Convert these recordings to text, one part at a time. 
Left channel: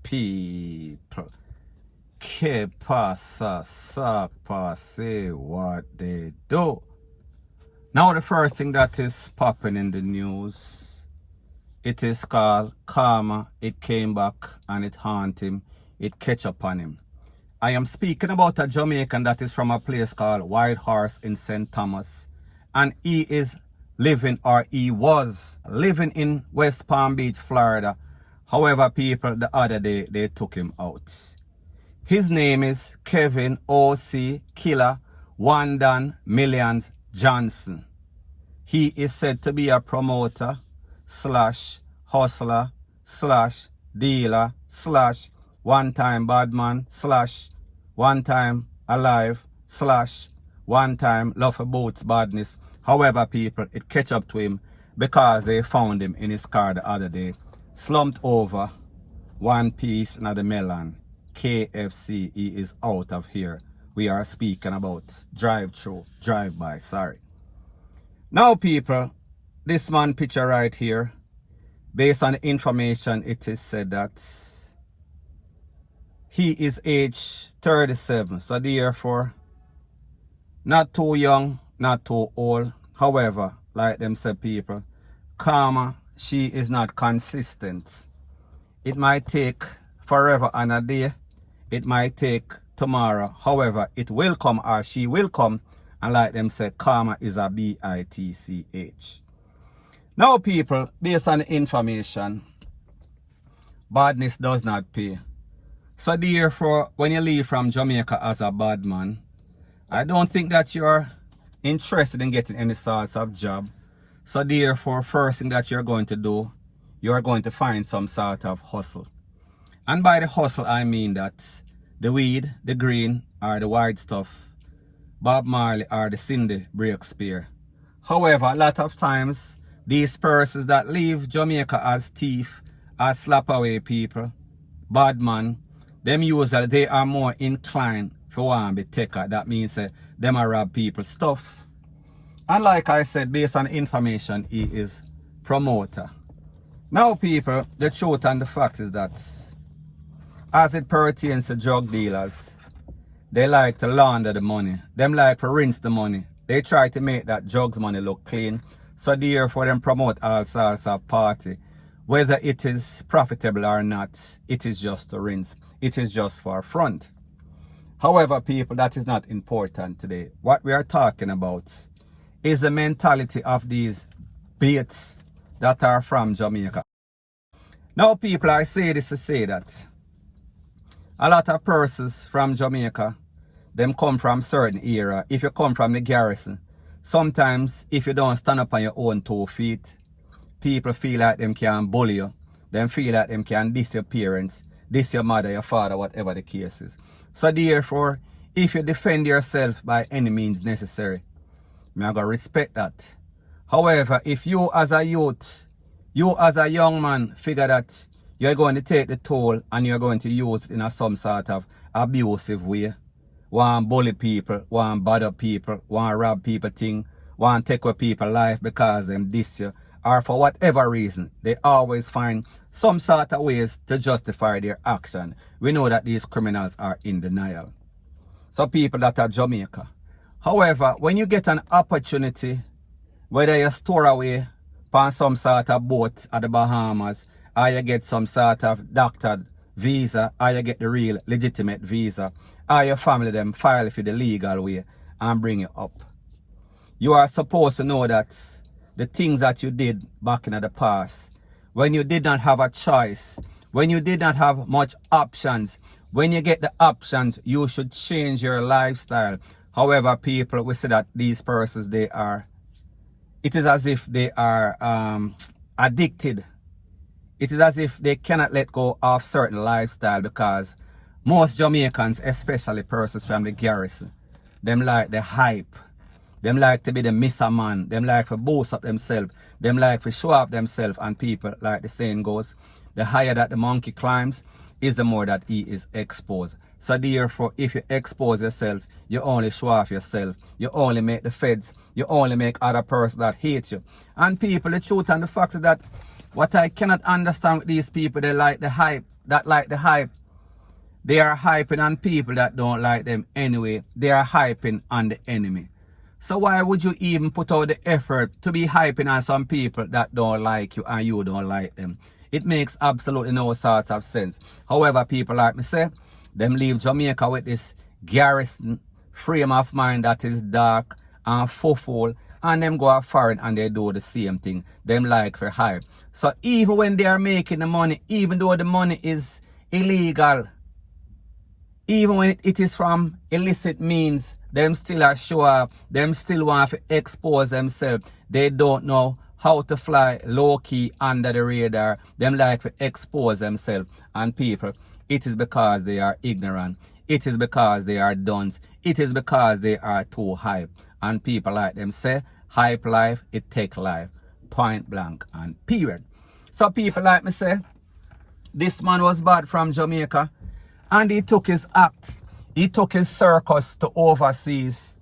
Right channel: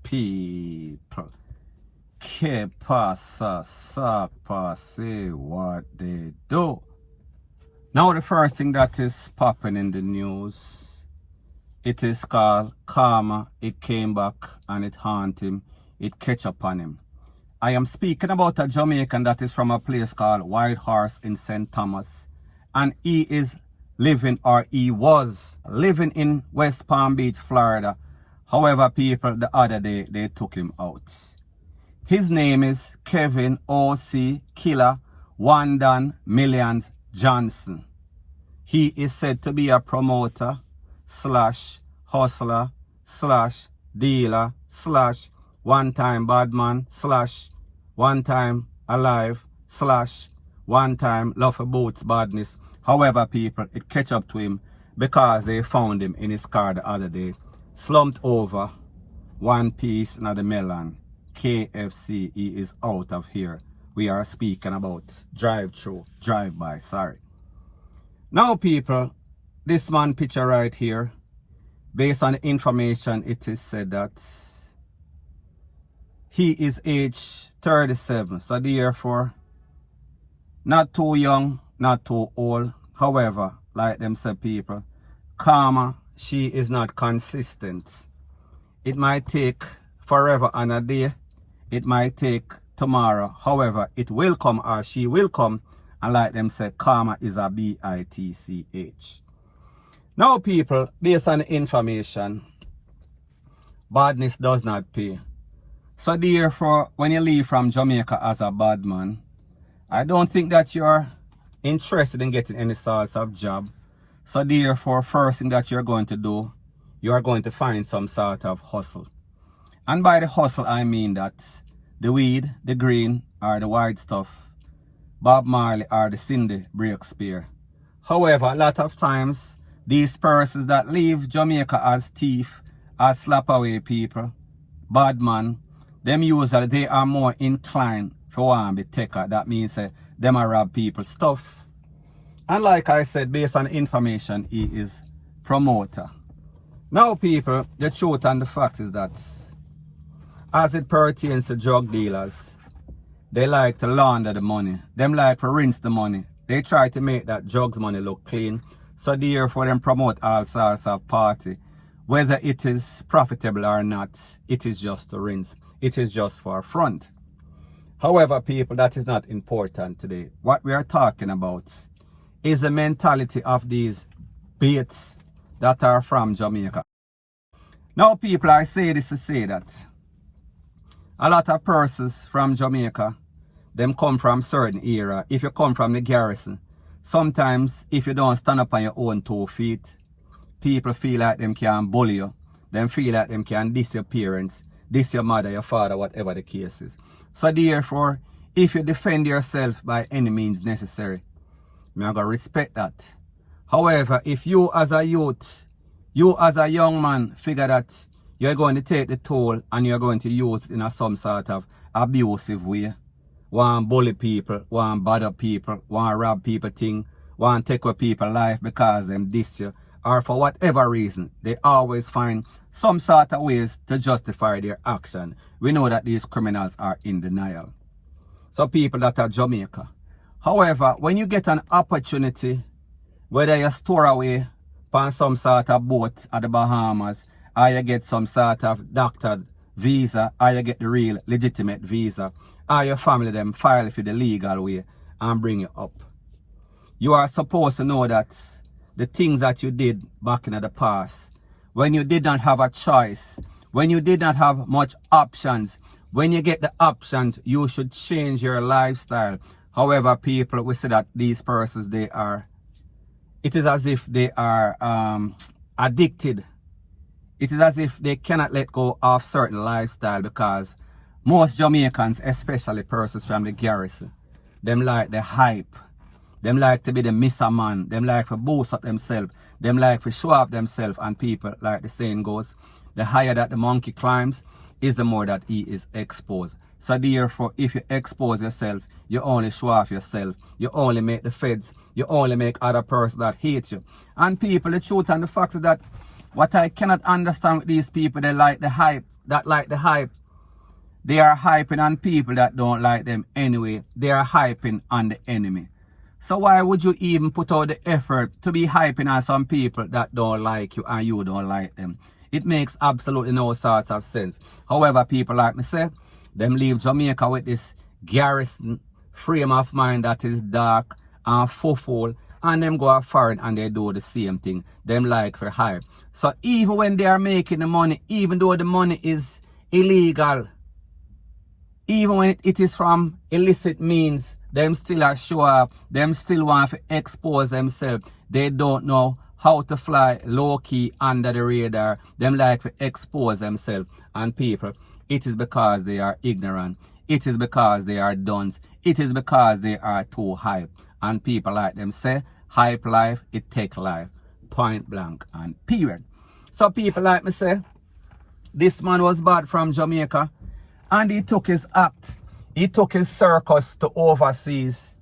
People. Que pasa, sapa, say what they do. Now the first thing that is popping in the news, it is called karma. It came back and it haunt him. It catch up on him. I am speaking about a Jamaican that is from a place called Wild Horse in St. Thomas. And he is living, or he was living in West Palm Beach, Florida. However, people, the other day, they took him out. His name is Kevin O.C. Killer ONEDON Millions Johnson. He is said to be a promoter slash hustler slash dealer slash one-time badman slash one-time alive slash one-time love about badness. However, people, it catch up to him because they found him in his car the other day, slumped over, one piece in the melon. KFC, he is out of here. We are speaking about drive-through, drive-by, sorry. Now, people, this man picture right here, based on the information, it is said that he is age 37. So therefore, not too young, not too old. However, like them say people, karma, she is not consistent. It might take forever and a day. It might take tomorrow. However, it will come, or she will come. And like them say, karma is a B-I-T-C-H. Now people, based on the information, badness does not pay. So therefore, when you leave from Jamaica as a bad man, I don't think that you're interested in getting any sorts of job. So therefore, first thing that you're going to do, you are going to find some sort of hustle. And by the hustle, I mean that the weed, the green, or the white stuff, Bob Marley or the Cindy Breakspear. However, a lot of times, these persons that leave Jamaica as thief, as slap away people, bad man, them usually they are more inclined for one be taker. That means them are rob people's stuff. And like I said, based on information, he is promoter. Now people, the truth and the fact is that as it pertains to drug dealers, they like to launder the money. Them like to rinse the money. They try to make that drugs money look clean. So therefore them promote all sorts of party. Whether it is profitable or not, it is just to rinse. It is just for front. However, people, that is not important today. What we are talking about is the mentality of these baits that are from Jamaica. Now, people, I say this to say that a lot of persons from Jamaica, them come from certain era. If you come from the garrison, sometimes if you don't stand up on your own 2 feet, people feel like them can bully you. Them feel like them can diss your parents, diss your mother, your father, whatever the case is. So therefore, if you defend yourself by any means necessary, I'm going to respect that. However, if you as a youth, you as a young man figure that you're going to take the toll and you're going to use it in some sort of abusive way, want bully people, want bother people, want rob people thing, want take away people's life because them diss you, or for whatever reason, they always find some sort of ways to justify their action. We know that these criminals are in denial. So people that are Jamaica. However, when you get an opportunity, whether you store away on some sort of boat at the Bahamas, or you get some sort of doctored visa, or you get the real legitimate visa, or your family them file for the legal way and bring you up. You are supposed to know that the things that you did back in the past, when you did not have a choice, when you did not have much options, when you get the options, you should change your lifestyle. However, people, we say that these persons, it is as if they are addicted. It is as if they cannot let go of certain lifestyle because most Jamaicans, especially persons from the garrison, them like the hype. Them like to be the Mr. Man. Them like to boost up themselves. Them like to show up themselves. And people, like the saying goes, the higher that the monkey climbs, is the more that he is exposed. So therefore, if you expose yourself, you only show off yourself. You only make the feds. You only make other persons that hate you. And people, the truth and the fact is that what I cannot understand with these people, they like the hype. That like the hype. They are hyping on people that don't like them anyway. They are hyping on the enemy. So why would you even put out the effort to be hyping on some people that don't like you and you don't like them? It makes absolutely no sort of sense. However, people like me say, them leave Jamaica with this garrison frame of mind that is dark and full, and them go out foreign and they do the same thing. Them like for hype. So even when they are making the money, even though the money is illegal, even when it is from illicit means, them still are show up, them still want to expose themselves. They don't know how to fly low-key under the radar. Them like to expose themselves. And people, it is because they are ignorant. It is because they are dunce. It is because they are too hype. And people like them say, hype life, it take life. Point blank and period. So people like me say, this man was bad from Jamaica. And he took his act. He took his circus to overseas.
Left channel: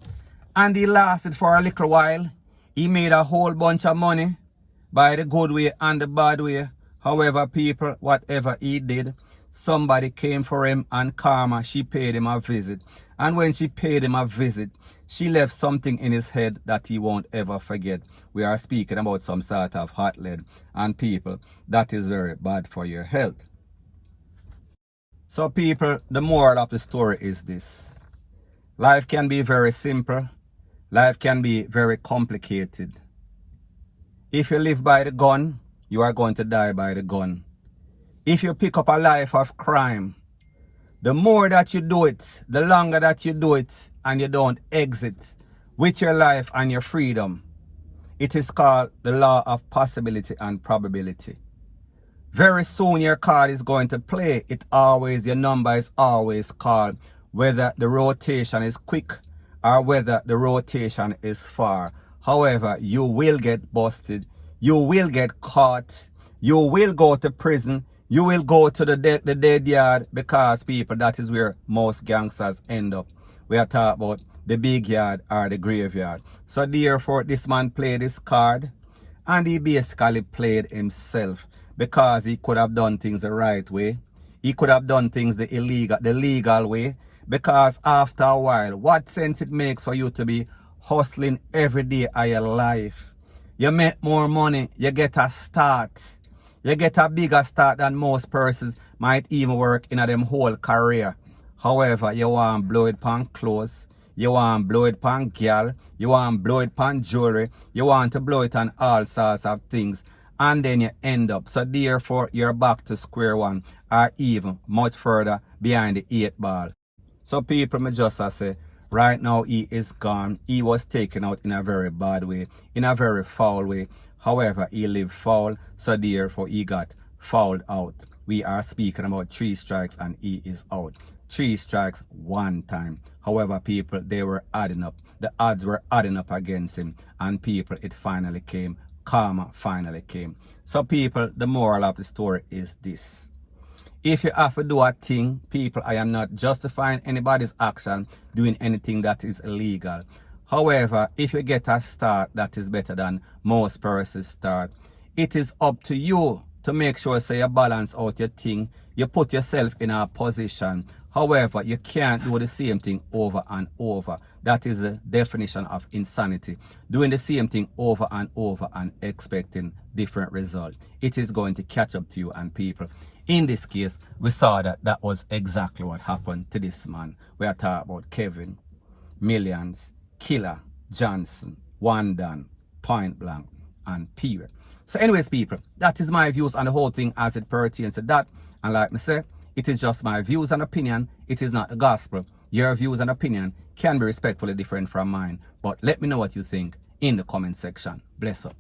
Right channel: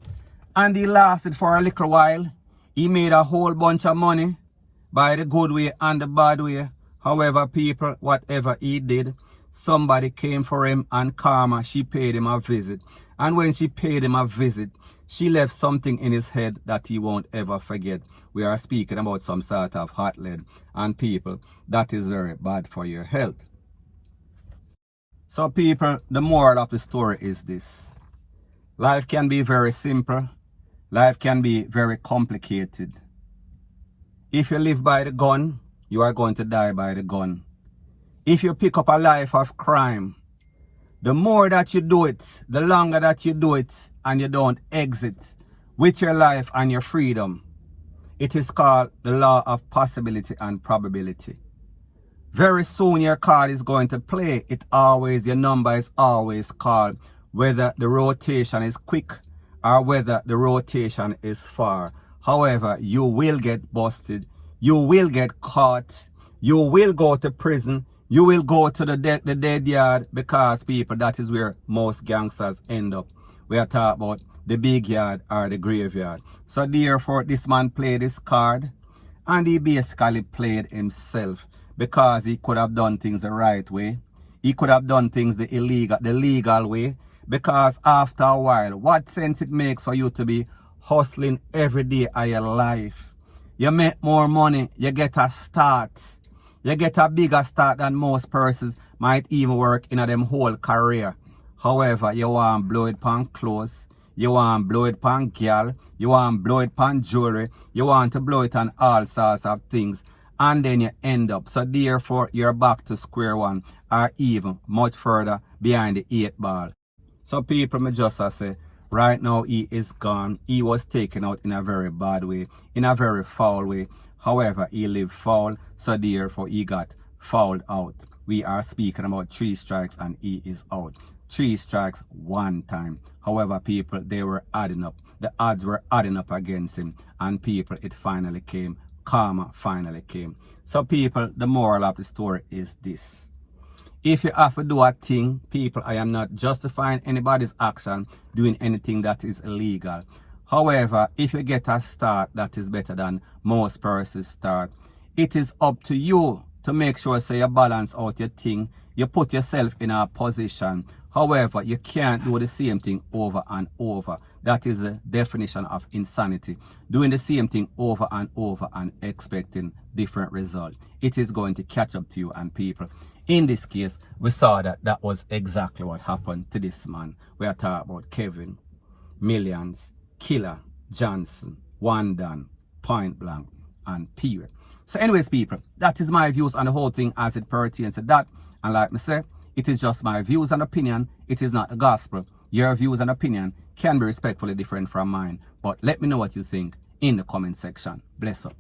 And he lasted for a little while. He made a whole bunch of money by the good way and the bad way. However, people, whatever he did, somebody came for him and Karma, she paid him a visit. And when she paid him a visit, she left something in his head that he won't ever forget. We are speaking about some sort of hot lead. And people, that is very bad for your health. So people, the moral of the story is this. Life can be very simple. Life can be very complicated. If you live by the gun, you are going to die by the gun. If you pick up a life of crime, the more that you do it, the longer that you do it, and you don't exit with your life and your freedom, it is called the law of possibility and probability. Very soon your card is going to play. Your number is always called, whether the rotation is quick or whether the rotation is far. However, you will get busted. You will get caught. You will go to prison. You will go to the dead yard, because people, that is where most gangsters end up. We are talking about the big yard or the graveyard. So therefore, this man played his card and he basically played himself, because he could have done things the right way. He could have done things the legal way. Because after a while, what sense it makes for you to be hustling every day of your life? You make more money, you get a start. You get a bigger start than most persons might even work in them whole career. However, you want to blow it on clothes, you want to blow it on girl, you want to blow it on jewelry, you want to blow it on all sorts of things. And then you end up. So therefore, you're back to square one, or even much further behind the 8 ball. So people, me just say, right now he is gone. He was taken out in a very bad way, in a very foul way. However, he lived foul, so therefore he got fouled out. We are speaking about 3 strikes and he is out. 3 strikes 1 time. However, people, they were adding up. The odds were adding up against him. And people, it finally came. Karma finally came. So people, the moral of the story is this. If you have to do a thing, people, I am not justifying anybody's action doing anything that is illegal. However, if you get a start that is better than most persons start, it is up to you to make sure so you balance out your thing. You put yourself in a position. However, you can't do the same thing over and over. That is the definition of insanity. Doing the same thing over and over and expecting different results. It is going to catch up to you and people. In this case, we saw that that was exactly what happened to this man. We are talking about Kevin, Millions, Killer, Johnson, ONEDON, point blank, and period. So anyways, people, that is my views on the whole thing as it pertains to that. And like me say, it is just my views and opinion. It is not the gospel. Your views and opinion can be respectfully different from mine. But let me know what you think in the comment section. Bless up.